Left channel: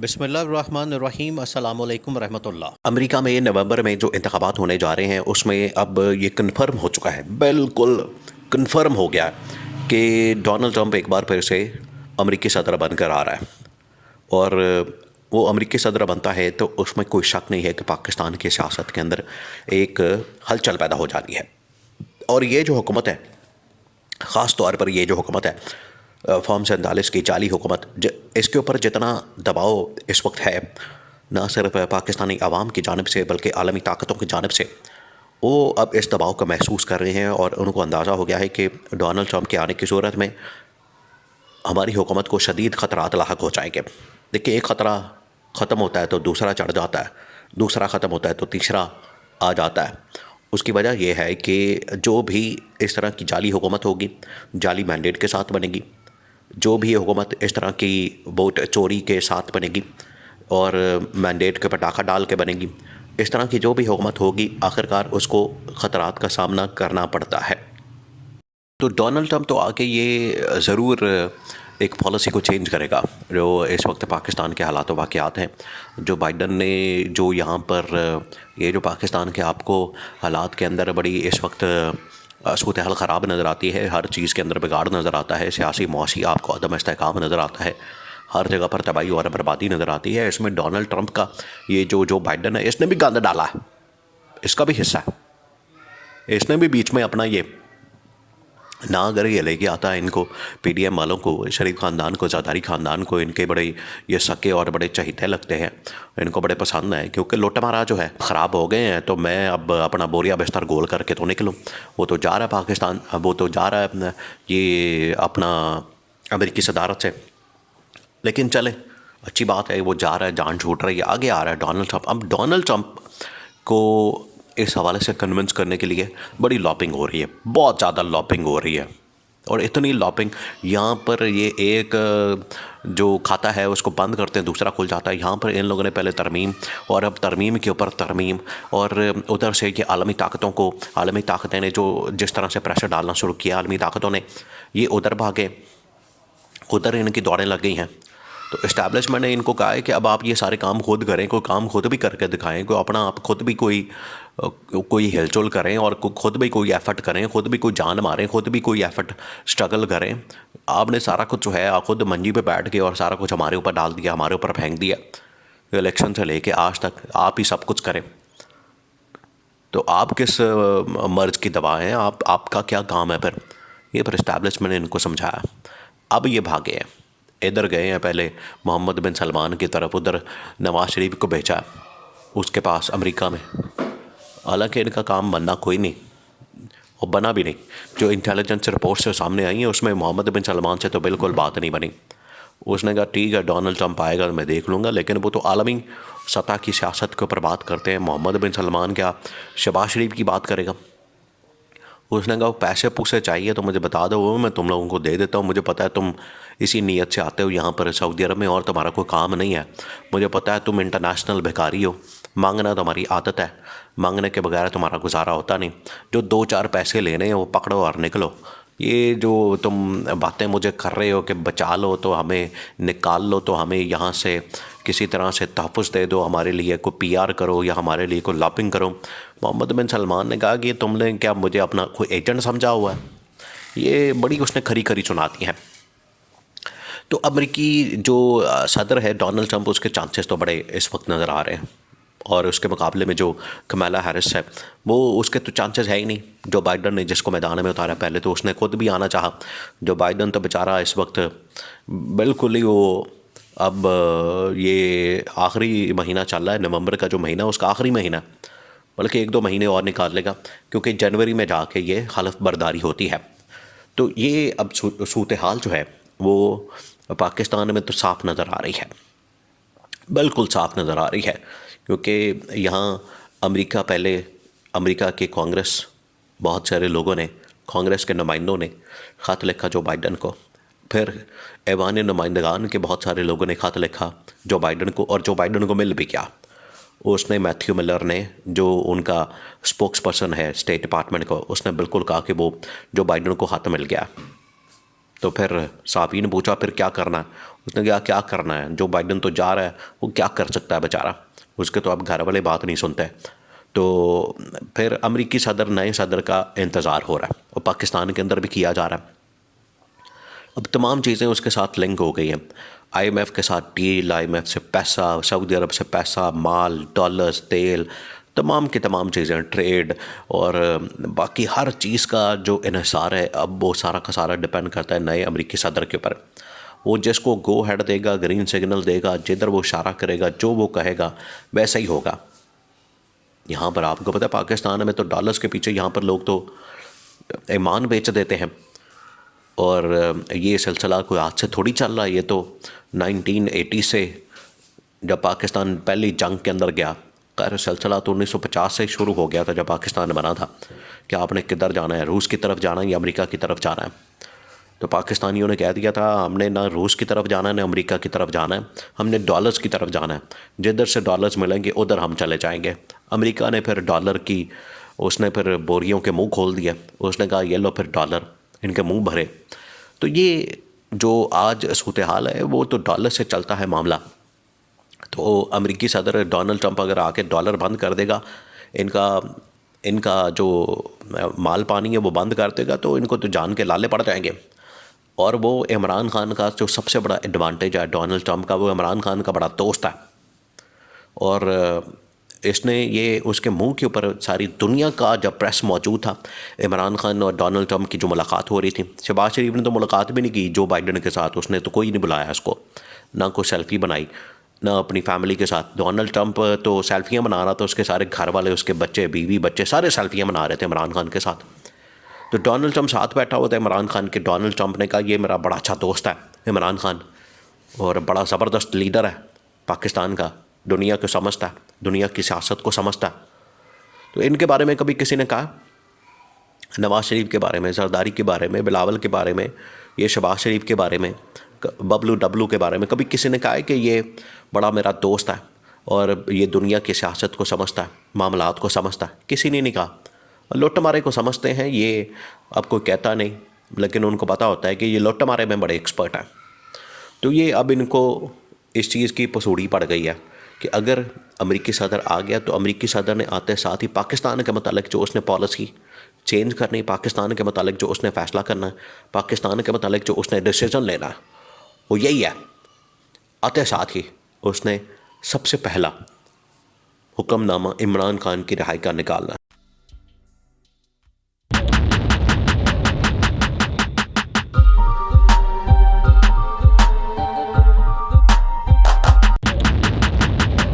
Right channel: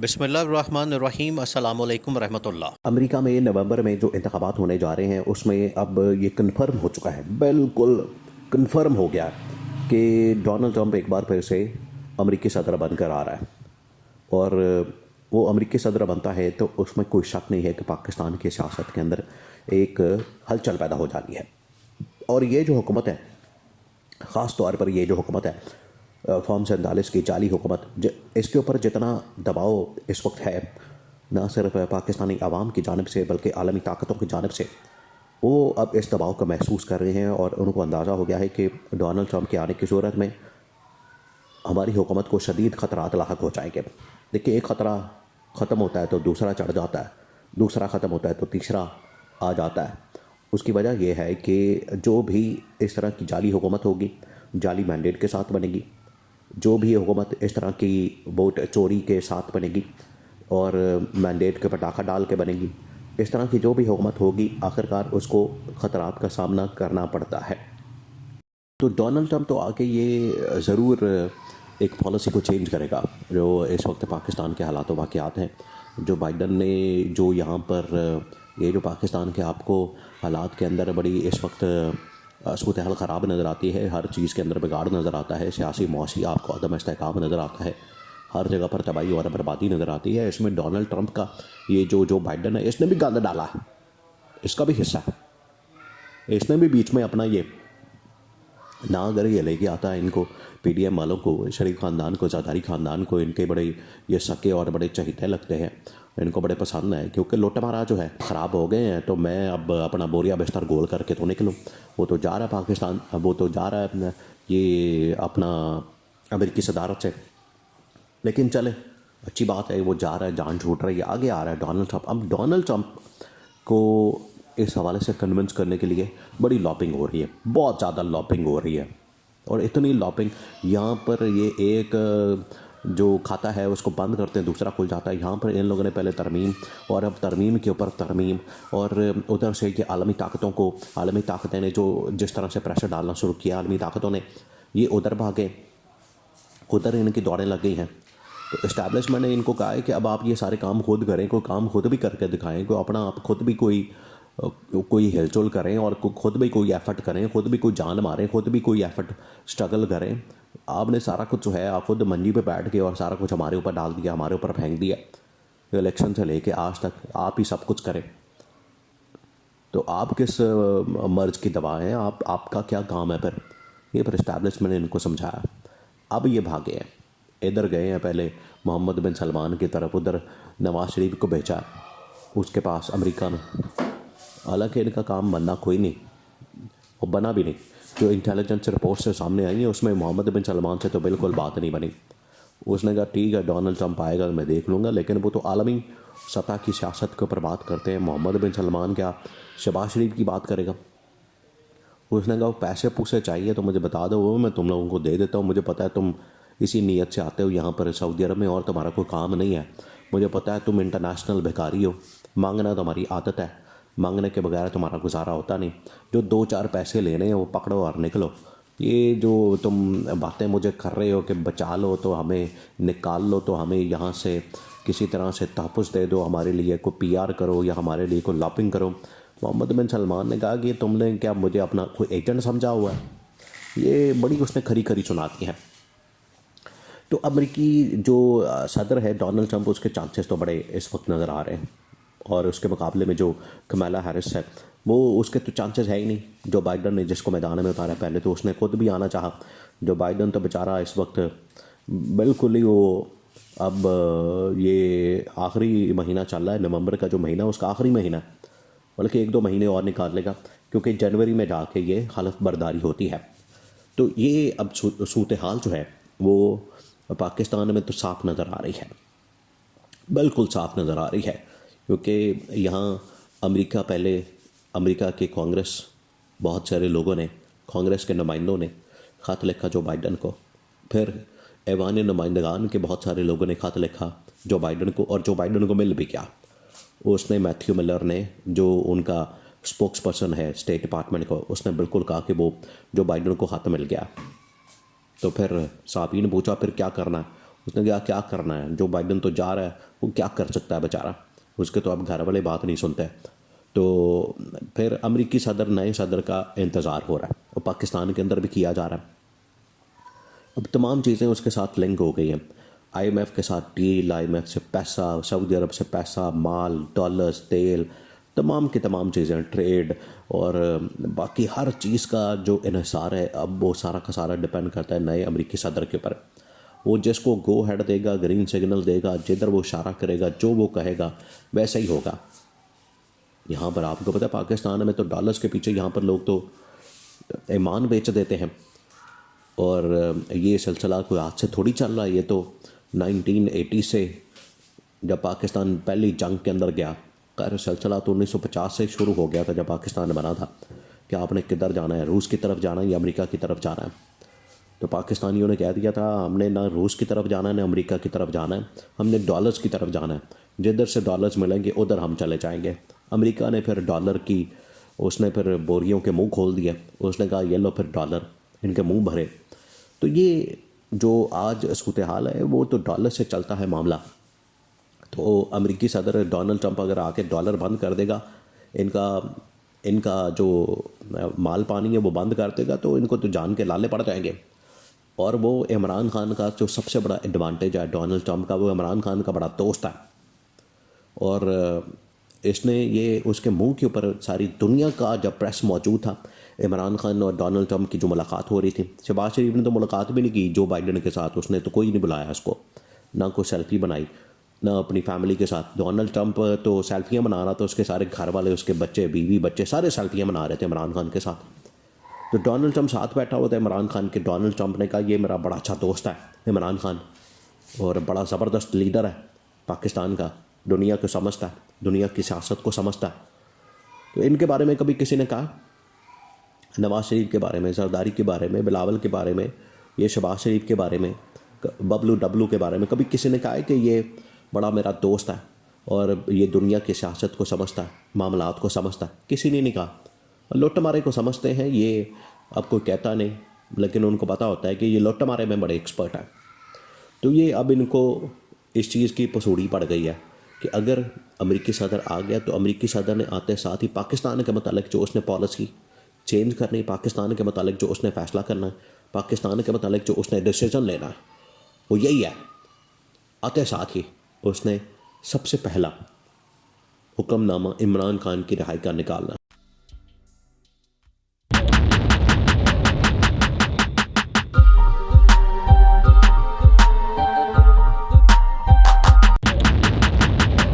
बिस्मिल्लाहिर्रहमानिर्रहीम अस्सलाम वालेकुम रहमतुल्लाह। अमेरिका में नवंबर में जो इंतखाबात होने जा रहे हैं उसमें अब ये कन्फर्म हो चुका है, बिल्कुल कन्फर्म हो गया है कि डोनाल्ड ट्रंप एक बार फिर से अमेरिकी सदर बनकर आ रहा है। और वो अमेरिकी सदर बनता है तो उसमें कोई शक नहीं है कि पाकिस्तान की सियासत के अंदर एक हलचल पैदा हो जानी है। और ये जो हुकूमत है, ख़ास तौर पर ये जो हुकूमत है फॉर्म 47 की जाली हुकूमत, इसके ऊपर जितना दबाव इस वक्त है, ना सिर्फ पाकिस्तानी आवाम की जानिब से बल्कि आलमी ताकतों की जानिब से, वो अब इस दबाव को महसूस कर रहे हैं और उनको अंदाज़ा हो गया है कि डोनाल्ड ट्रंप के आने की सूरत में हमारी हुकूमत को शदीद ख़तरात लाहक हो जाएंगे। देखिए, एक ख़तरा ख़त्म होता है तो दूसरा चढ़ जाता है, दूसरा ख़त्म होता है तो तीसरा आ जाता है। उसकी वजह यह है कि जो भी इस तरह की जाली हुकूमत होगी, जाली मैंडेट के साथ बनेगी, जो भी हुकूमत इस तरह की वोट चोरी के साथ बनेगी और मैंडेट के पटाखा डाल के बनेगी, इस तरह की जो भी हुकूमत होगी आखिरकार उसको ख़तरात का सामना करना पड़ता है। तो डोनाल्ड ट्रंप तो आके ये ज़रूर एक पॉलिसी को चेंज करेगा जो इस वक्त पाकिस्तान के हालात वाक़यात हैं। जो बाइडन ने जो यहाँ पर ये जो पाकिस्तान के आपको हालात के अंदर बड़ी इस वक्त सूरत हाल ख़राब नज़र आती है, हर चीज़ के अंदर बिगाड़ नज़र आता है, सियासी मुआशी आपको अदम इस्तेहकाम नज़र आता है, हर जगह पर तबाही और बर्बादी नज़र आती है। इसमें डोनाल्ड ट्रंप का ये जो बाइडन है, इसने भी गंद डाला है, इसका भी हिस्सा है। इसने भी बीच में अपना ये ना अगर ये लेके आता है इनको, पीडीएम वालों को, शरीफ ख़ानदान को, ज़रदारी ख़ानदान को, इनके बड़े ये सके और बड़े चहीते लगते हैं, इनको बड़े पसंद है क्योंकि लुटमारा जो है ख़राब हो गए हैं। तो मैं अब अपना बोरिया बिस्तर गोल करके तो निकलूँ। वो तो जा रहा है पाकिस्तान, वो तो जा रहा है ये अपना अमेरिकी सदारत से, लेकिन चले अच्छी बात है, वो जा रहा है, जान छूट रही है, आगे आ रहा है डोनाल्ड ट्रंप। अब डोनाल्ड ट्रंप को इस हवाले से कन्विंस करने के लिए बड़ी लॉबिंग हो रही है, बहुत ज़्यादा लॉबिंग हो रही है। और इतनी लॉबिंग, यहाँ पर ये एक जो खाता है उसको बंद करते हैं दूसरा खुल जाता है। यहाँ पर इन लोगों ने पहले तरमीम और अब तरमीम के ऊपर तरमीम, और उधर से ये आलमी ताकतों को, आलमी ताकतें ने जो जिस तरह से प्रेशर डालना शुरू किया, आलमी ताकतों ने, ये उधर भागे, उधर इनकी दौड़ें लग गई हैं। तो इस्टेब्लिशमेंट ने इनको कहा है कि अब आप ये सारे काम खुद करें, कोई काम खुद भी करके दिखाएं, कोई अपना आप खुद भी कोई हिलचुल करें और खुद भी कोई एफर्ट करें, खुद भी कोई जान मारें, खुद भी कोई एफर्ट स्ट्रगल करें। आपने सारा कुछ जो है आप खुद मंजी पे बैठ के और सारा कुछ हमारे ऊपर डाल दिया, हमारे ऊपर फेंक दिया। इलेक्शन से लेके आज तक आप ही सब कुछ करें, तो आप किस मर्ज की दवा हैं, आपका क्या काम है फिर? ये फिर इस्टेब्लिशमेंट ने इनको समझाया। अब ये भागे हैं, इधर गए हैं, पहले मोहम्मद बिन सलमान की तरफ, उधर नवाज शरीफ को भेजा उसके पास अमेरिका में। हालांकि इनका काम बनना कोई नहीं और बना भी नहीं। जो इंटेलिजेंस रिपोर्ट्स जो सामने आई हैं उसमें मोहम्मद बिन सलमान से तो बिल्कुल बात नहीं बनी। उसने कहा ठीक है, डोनाल्ड ट्रंप आएगा तो मैं देख लूँगा, लेकिन वो तो आलमी सतह की सियासत के ऊपर बात करते हैं। मोहम्मद बिन सलमान क्या शहबाज शरीफ की बात करेगा? उसने कहा पैसे पूसे चाहिए तो मुझे बता दो, वो मैं तुम लोगों को दे देता हूँ। मुझे पता है तुम इसी नीयत से आते हो यहाँ पर सऊदी अरब में और तुम्हारा कोई काम नहीं है। मुझे पता है तुम इंटरनेशनल भिखारी हो, मांगना तुम्हारी आदत है, मांगने के बगैर तुम्हारा गुजारा होता नहीं। जो दो चार पैसे लेने हैं वो पकड़ो और निकलो। ये जो तुम बातें मुझे कर रहे हो कि बचा लो तो हमें, निकाल लो तो हमें यहाँ से, किसी तरह से तहफ़्फ़ुज़ दे दो हमारे लिए, कोई पीआर करो या हमारे लिए कोई लॉबिंग करो। मोहम्मद बिन सलमान ने कहा कि तुमने क्या मुझे अपना कोई एजेंट समझा हुआ है? ये बड़ी उसने खरी खरी सुनाती हैं। तो अमेरिकी जो सदर है डोनाल्ड ट्रंप, उसके चांसेस तो बड़े इस वक्त नज़र आ रहे हैं। और उसके मुकाबले में जो कमाला हैरिस है, वो उसके तो चांसेस है ही नहीं। जो बाइडन ने जिसको मैदान में उतारा, पहले तो उसने खुद भी आना चाहा। जो बाइडन तो बेचारा इस वक्त बिल्कुल ही वो, अब ये आखिरी महीना चल रहा है, नवंबर का जो महीना उसका आखिरी महीना, बल्कि एक दो महीने और निकाल लेगा क्योंकि जनवरी में जाके ये हलफ बर्दारी होती है। तो ये अब सूरत हाल जो है वो पाकिस्तान में तो साफ नज़र आ रही है, बिल्कुल साफ नज़र आ रही है। क्योंकि यहाँ अमेरिका, पहले अमेरिका की कांग्रेस, बहुत सारे लोगों ने, कांग्रेस के नुमाइंदों ने ख़त लिखा जो बाइडन को, फिर ऐवान नुमाइंदगान के बहुत सारे लोगों ने ख़त लिखा जो बाइडन को, और जो बाइडन को मिल भी गया। उसने मैथ्यू मिलर ने, जो उनका स्पोक्स पर्सन है स्टेट डिपार्टमेंट को, उसने बिल्कुल कहा कि वो जो बाइडन को ख़त मिल गया। तो फिर साफ़ी ने पूछा फिर क्या करना? उसने कहा क्या करना है, जो बाइडन तो जा रहा है वो क्या कर सकता है बेचारा, उसके तो अब घर वाले बात नहीं सुनते। तो फिर अमेरिकी सदर, नए सदर का इंतज़ार हो रहा है और पाकिस्तान के अंदर भी किया जा रहा है। अब तमाम चीज़ें उसके साथ लिंक हो गई हैं। आईएमएफ के साथ डील, आईएमएफ से पैसा, सऊदी अरब से पैसा, माल, डॉलर्स, तेल, तमाम की तमाम चीज़ें, ट्रेड और बाकी हर चीज़ का जो इन्हिसार है, अब वो सारा का सारा डिपेंड करता है नए अमेरिकी सदर के ऊपर। वो जिसको गो हेड देगा, ग्रीन सिग्नल देगा, जिधर वो इशारा करेगा, जो वो कहेगा वैसा ही होगा। यहाँ पर आपको पता है पाकिस्तान में तो डॉलर्स के पीछे यहाँ पर लोग तो ईमान बेच देते हैं। और ये सिलसिला कोई आज से थोड़ी चल रहा है, ये तो 1980 से जब पाकिस्तान पहली जंग के अंदर गया, खैर सिलसिला तो 1950 से शुरू हो गया था जब पाकिस्तान बना था कि आपने किधर जाना है, रूस की तरफ जाना है या अमेरिका की तरफ जाना है। तो पाकिस्तानियों ने कह दिया था हमने ना रूस की तरफ जाना है ना अमेरिका की तरफ जाना है, हमने डॉलर्स की तरफ जाना है, जिधर से डॉलर्स मिलेंगे उधर हम चले जाएंगे। अमेरिका ने फिर डॉलर की, उसने फिर बोरियों के मुंह खोल दिया, उसने कहा ये लो फिर डॉलर, इनके मुंह भरे। तो ये जो आज सूरत हाल है वो तो डॉलर से चलता है मामला। तो अमेरिकी सदर डोनाल्ड ट्रंप अगर आके डॉलर बंद कर देगा, इनका जो माल पानी है वो बंद कर देगा, तो इनको तो जान के लाले पड़ जाएंगे। और वो इमरान खान का जो सबसे बड़ा एडवांटेज है डोनाल्ड ट्रंप का, वो इमरान खान का बड़ा दोस्त है। और इसने ये उसके मुंह के ऊपर सारी दुनिया का जब प्रेस मौजूद था, इमरान खान और डोनाल्ड ट्रंप की जो मुलाकात हो रही थी, शहबाज शरीफ ने तो मुलाकात भी नहीं की जो बाइडन के साथ, उसने तो कोई नहीं बुलाया उसको, ना कोई सेल्फ़ी बनाई, ना अपनी फैमिली के साथ। डोनाल्ड ट्रंप तो सेल्फियाँ बना रहा था, उसके सारे घर वाले, उसके बच्चे, बीवी, बच्चे सारे सेल्फियाँ बना रहे थे इमरान खान के साथ। तो डोनाल्ड ट्रंप साथ बैठा हुआ था इमरान खान के। डोनाल्ड ट्रंप ने कहा ये मेरा बड़ा अच्छा दोस्त है इमरान खान, और बड़ा ज़बरदस्त लीडर है पाकिस्तान का, दुनिया को समझता है, दुनिया की सियासत को समझता है। तो इनके बारे में कभी किसी ने कहा, नवाज़ शरीफ के बारे में, जरदारी के बारे में, बिलावल के बारे में, ये शहबाज शरीफ के बारे में, बबलू डब्लू के बारे में कभी किसी ने कहा है कि ये बड़ा मेरा दोस्त है और ये दुनिया की सियासत को समझता है, मामलात को समझता है? किसी ने नहीं कहा। लुट मारे को समझते हैं, ये अब कोई कहता नहीं, लेकिन उनको पता होता है कि ये लुट मारे में बड़े एक्सपर्ट हैं। तो ये अब इनको इस चीज़ की पसूड़ी पड़ गई है कि अगर अमेरिकी सदर आ गया तो अमेरिकी सदर ने आते साथ ही पाकिस्तान के मतलब जो उसने पॉलिसी चेंज करनी, पाकिस्तान के मतलब जो उसने फ़ैसला करना है, पाकिस्तान के मतलब जो उसने डिसीज़न लेना है, वो यही है। आते साथ ही उसने सबसे पहला हुक्मनामा इमरान खान की रिहाई का निकालना है।